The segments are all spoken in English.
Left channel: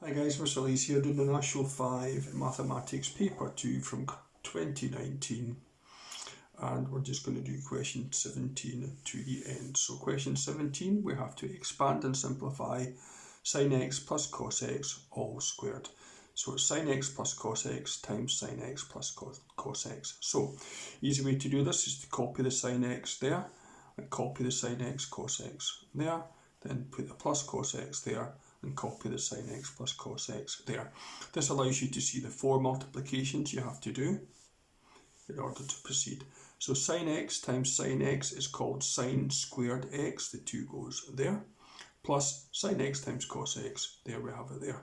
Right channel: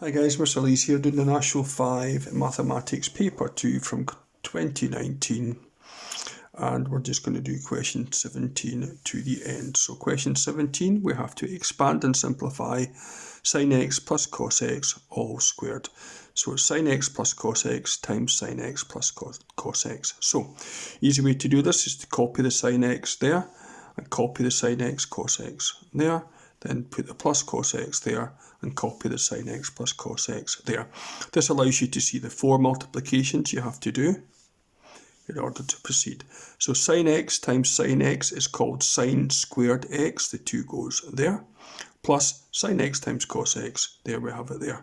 Hi guys, Mr. Lee's here doing the National 5 Mathematics Paper 2 from 2019, and we're just going to do question 17 to the end. So question 17, we have to expand and simplify sin x plus cos x all squared. So it's sin x plus cos x times sin x plus cos x. So easy way to do this is to copy the sin x there and copy the sin x cos x there, then put the plus cos x there and copy the sin x plus cos x there. This allows you to see the 4 multiplications you have to do in order to proceed. So sin x times sin x is called sin squared x, the 2 goes there, plus sin x times cos x, there we have it there,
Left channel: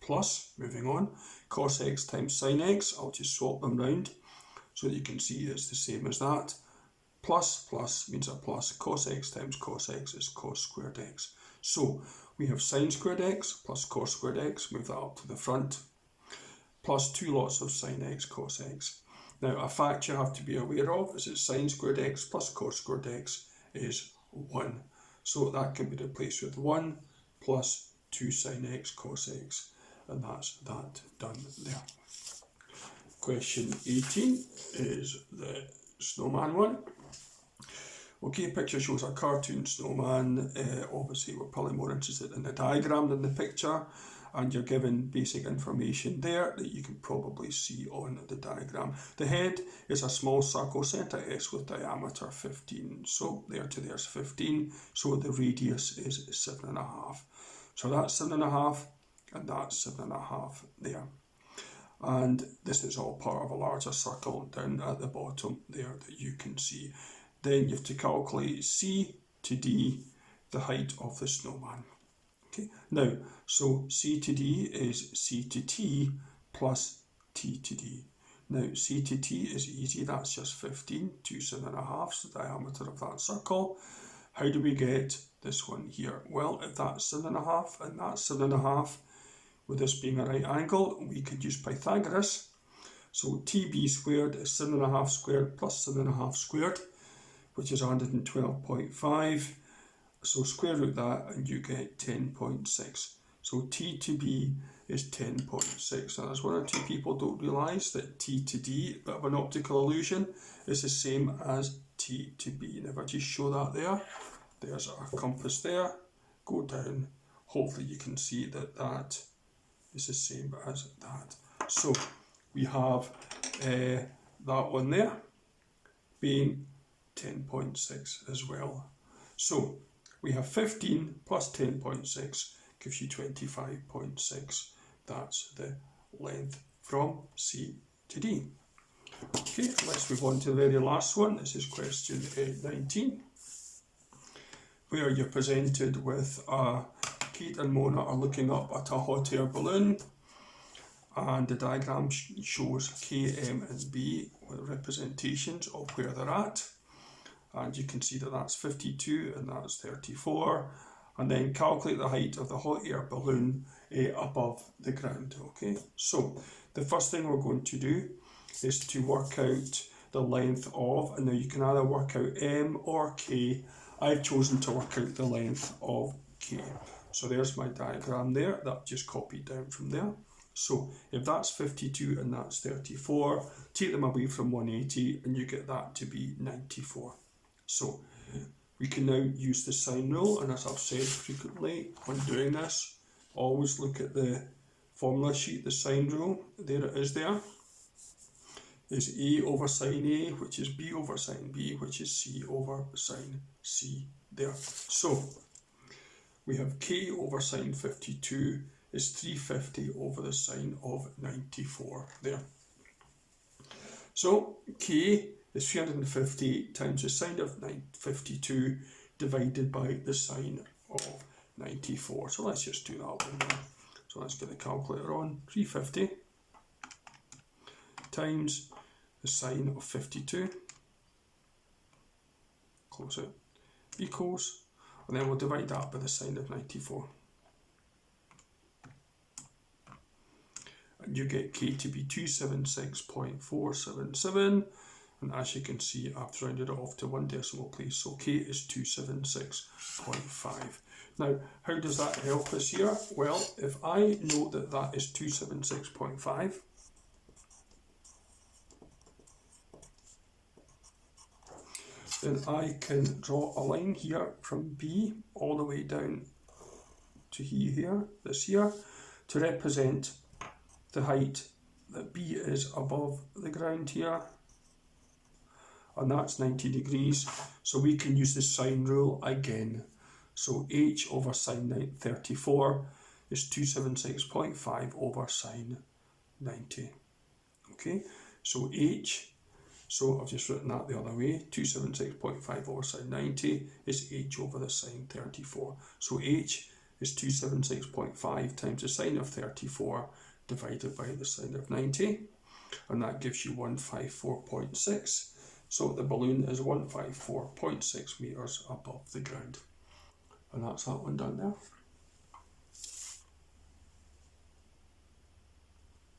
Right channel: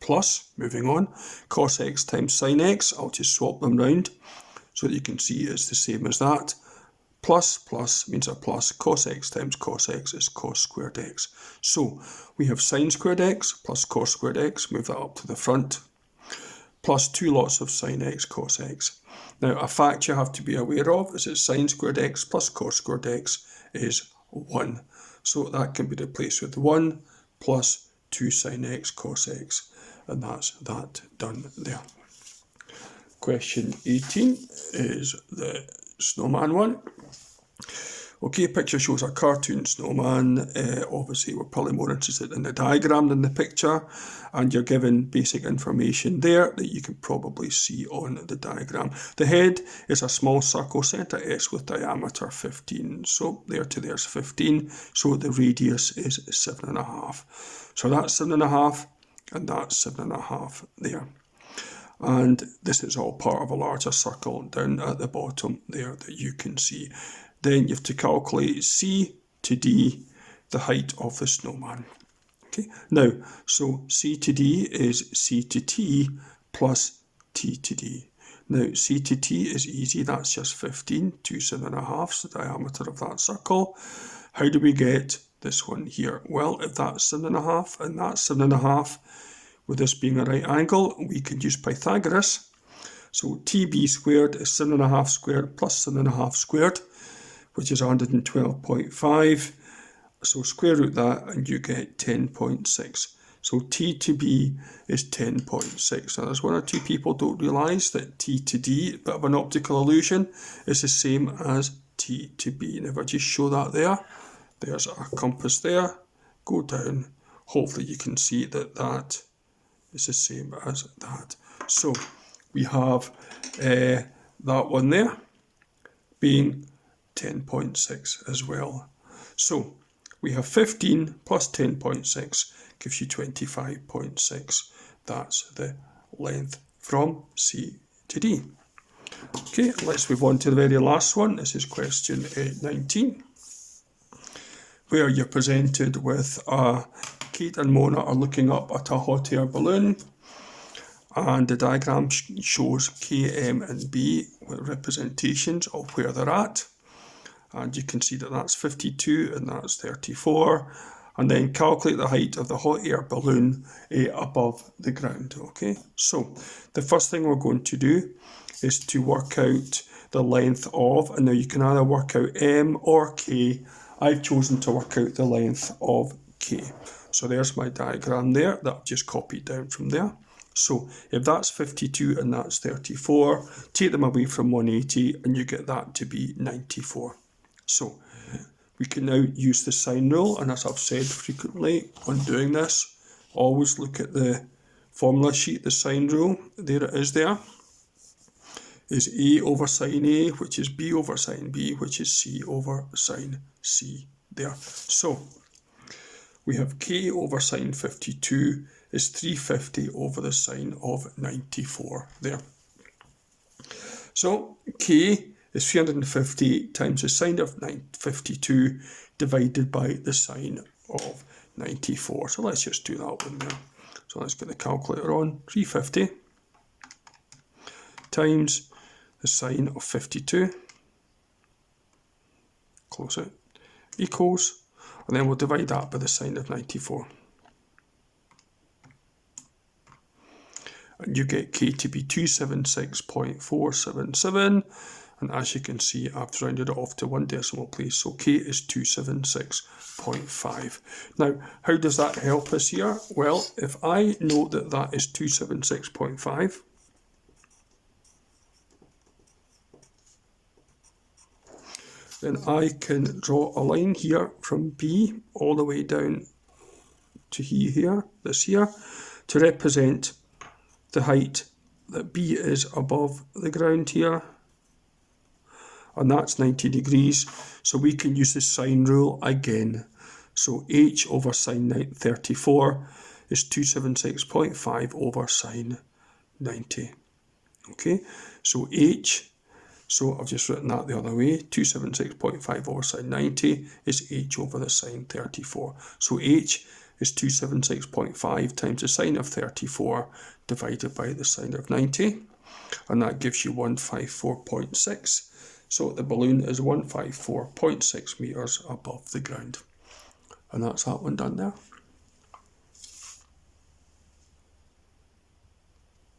plus, moving on, cos x times sin x, I'll just swap them round so that you can see it's the same as that. Plus means a plus. Cos x times cos x is cos squared x. So we have sin squared x plus cos squared x, move that up to the front, plus 2 lots of sin x cos x. Now a fact you have to be aware of is that sin squared x plus cos squared x is 1. So that can be replaced with 1 plus 2 sin x cos x, and that's that done there. Question 18 is the snowman one. Okay, picture shows a cartoon snowman. Obviously, we're probably more interested in the diagram than the picture, and you're given basic information there that you can probably see on the diagram. The head is a small circle, centre S with diameter 15. So there to there's 15. So the radius is 7.5. So that's 7.5, and that's 7.5 there. And this is all part of a larger circle down at the bottom there that you can see. Then you have to calculate C to D, the height of the snowman. Okay, now, so C to D is C to T plus T to D. Now, C to T is easy, that's just 15, 2 7.5, the diameter of that circle. How do we get this one here? Well, if that's 7.5 and that's 7.5, with this being a right angle, we can use Pythagoras. So TB squared is 7.5 squared plus 7.5 squared, which is 112.5. So square root that and you get 10.6. So T to B is 10.6. Now there's one or two people don't realise that T to D, a bit of an optical illusion, is the same as T to B. And if I just show that there, there's our compass there, go down, hopefully you can see that that is the same as that. So we have that one there being 10.6 as well. So we have 15 plus 10.6 gives you 25.6. That's the length from C to D. Okay, let's move on to the very last one. This is question 19, where you're presented with Kate and Mona are looking up at a hot air balloon, and the diagram shows K, M and B with representations of where they're at. And you can see that that's 52 and that's 34. And then calculate the height of the hot air balloon above the ground. Okay, so the first thing we're going to do is to work out the length of, and now you can either work out M or K. I've chosen to work out the length of K. So there's my diagram there that I've just copied down from there. So if that's 52 and that's 34, take them away from 180 and you get that to be 94. So we can now use the sine rule, and as I've said frequently when doing this, always look at the formula sheet, the sine rule. There it is there. Is A over sine A, which is B over sine B, which is C over sine C there. So we have K over sine 52 is 350 over the sine of 94 there. So K is 350 times the sine of 52 divided by the sine of 94. So let's just do that one now. So let's get the calculator on. 350 times the sine of 52, close it, equals, and then we'll divide that by the sine of 94. And you get K to be 276.477, And as you can see, I've rounded it off to 1 decimal place. So K is 276.5. Now, how does that help us here? Well, if I know that that is 276.5, then I can draw a line here from B all the way down to here, this here, to represent the height that B is above the ground here. And that's 90 degrees, so we can use the sine rule again. So h over sine 34 is 276.5 over sine 90. Okay, so h, so I've just written that the other way, 276.5 over sine 90 is h over the sine 34. So h is 276.5 times the sine of 34 divided by the sine of 90, and that gives you 154.6. So the balloon is 154.6 metres above the ground. And that's that one done there.